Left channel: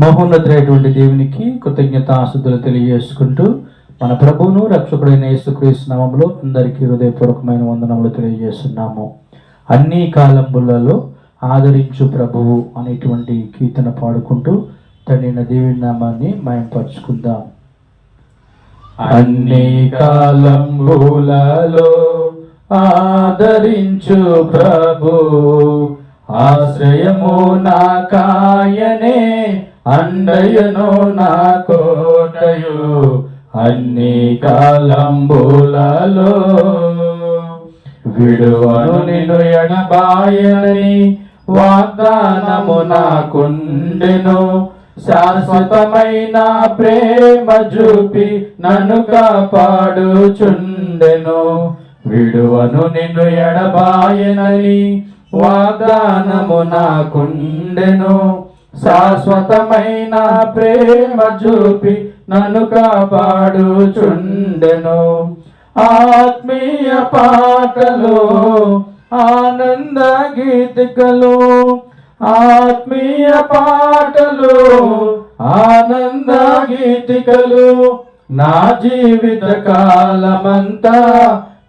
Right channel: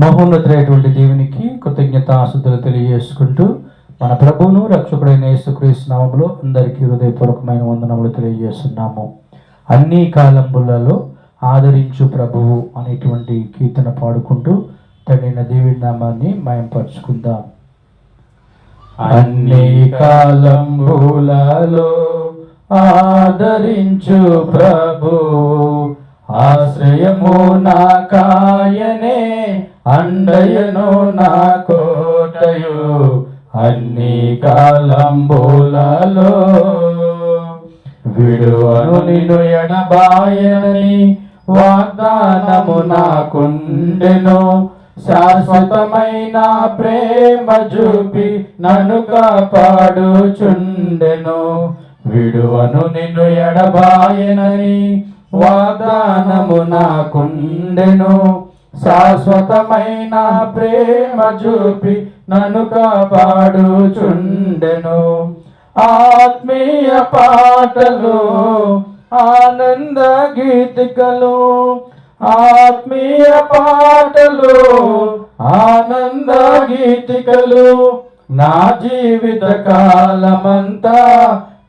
మహోన్నతుడైనటువంటి దేవునికి కృతజ్ఞతాస్తుతులు తెలియజేసుకుంటూ మన ప్రభువును రక్షకుడైన యేసుక్రీస్తు నామములో అందరికీ హృదయపూర్వకమైన వందనములు తెలియజేస్తున్నాము. అన్ని కాలములలో ఆదరించు ప్రభువు అనేటువంటి కీర్తన పాడుకుంటూ తండ్రి దేవుని నామాన్ని మయంపరుచుకుందాం. అన్ని కాలములలో ఆదరించు ప్రభు, ఆశ్రయము నా కాయనే, అండయను నా కోటయు, అన్ని కాలంబులలో విడువను నిన్ను ఎడబాయని వాగ్దానము నాకుండెను. శాశ్వతమైన ప్రేమ చూపి నన్ను కాపాడుచుండెను. విడువను నిన్ను ఎడబాయనని వాగ్దానము నాకుండెను. శాశ్వతమైన ప్రేమ చూపి నన్ను కాపాడుచుండెను. ఆత్మీయ పాటలు, ఆనంద గీతికలు, ఆత్మీయ పాటలు, ఆనంద గీతికలు, నా జీవిత కాలమంతా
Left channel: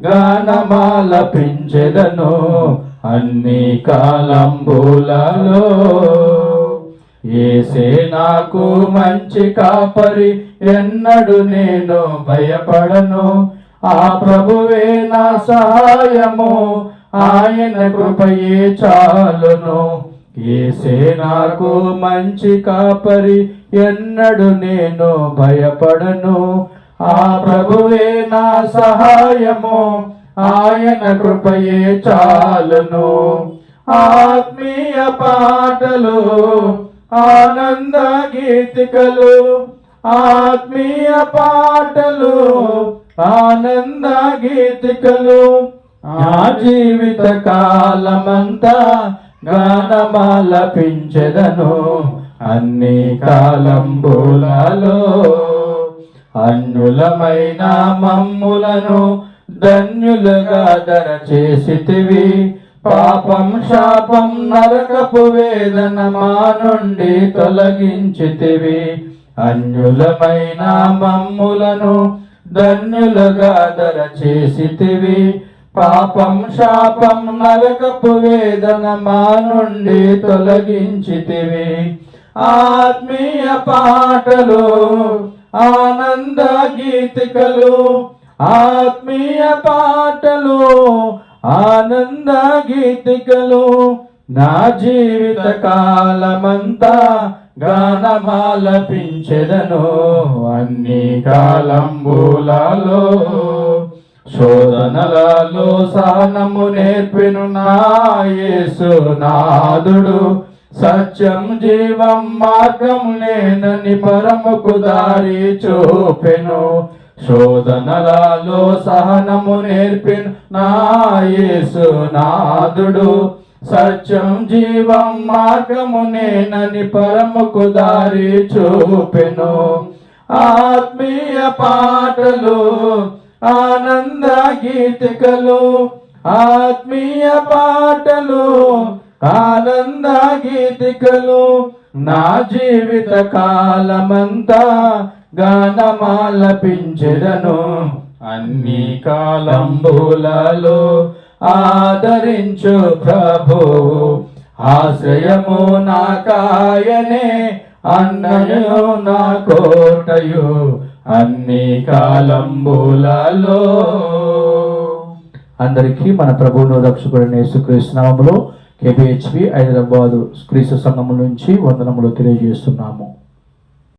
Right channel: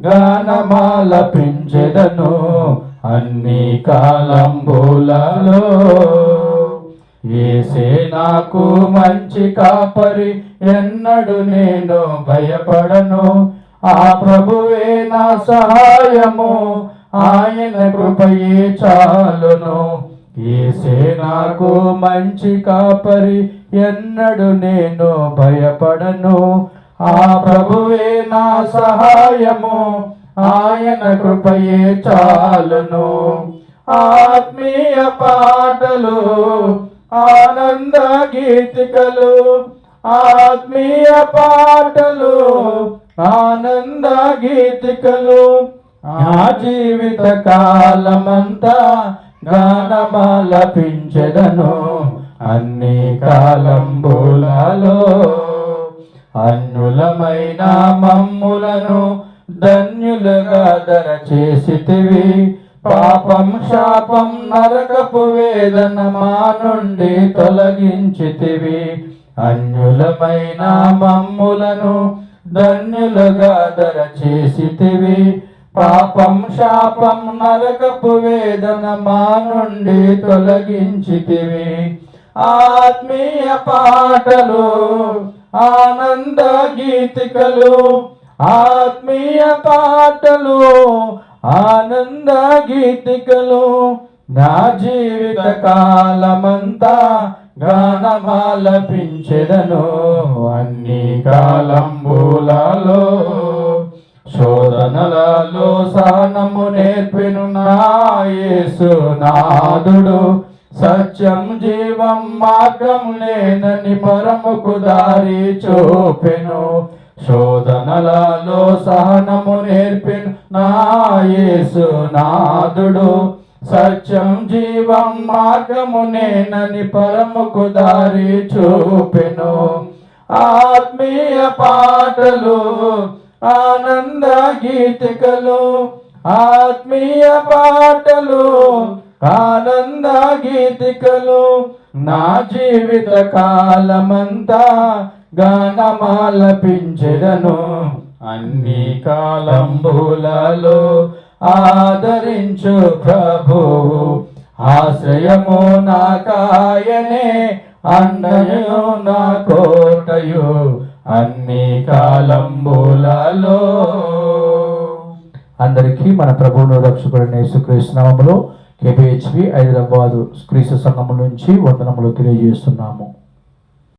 గానమాలపించెదను. అన్ని కాలంబులలో యేసే నాకు మంచి కాపరి, ఎన్నడు నేను భయపడను. ఆ ప్రభువే నా సహాయము, ఆయన కృపయే చాలును. యేసే నాకు మంచి కాపరి, ఎన్నడు నేను భయపడను. ఆ ప్రభువే నా సహాయము, ఆయన కృపయే చాలును. ఆత్మీయ పాటలు, ఆనంద గీతికలు, ఆత్మీయ పాటలు, ఆనంద గీతికలు, నా జీవిత కాలమంతా గానమాలపించెదను. అన్ని కాలంబులలో అన్యులమైన మమ్ములను ధన్యులుగా దరచేసితివి. పాపం శాపం నరకపు వేదన మా నుండి తొలగించితివి. అన్యులమైన మమ్ములను ధన్యులుగా దరచేసితివి. పాపం శాపం నరకపు వేదన మా నుండి తొలగించితివి. ఆత్మీయ పాటలు, ఆనంద గీతికలు, ఆత్మీయ పాటలు, ఆనంద గీతికలు, నా జీవిత కాలమంతా గానమాలపించెదను. అన్ని కాలంబులలో శోధనలలో సహనము నేర్పెను నా యేసు నాదుడు. సత్యం జీవం మార్గం నేనని పరముకు దారి చూపెను. శోధనలలో సహనము నేర్పెను నా యేసు నాదుడు. సత్యం జీవం మార్గము నేనని పరముకు దారి చూపెను. ఆత్మీయ పాటలు, ఆనంద గీతికలు, ఆత్మీయ పాటలు, ఆనంద గీతికలు, నా జీవిత కాలమంతా గానమాలపించెదను. అన్ని కాలంబులలో ఆదరించు ప్రభువు, ఆశ్రయము నా కాయనే, అన్నయు నా కోటయు, అన్ని కాలంబులలో. అందరికీ మన ప్రభువును రక్షకుడైన యేసుక్రీస్తు నామములో KPHB హైదరాబాదు క్రీస్తు సంఘము నుంచి వందనములు తెలియజేస్తున్నాము.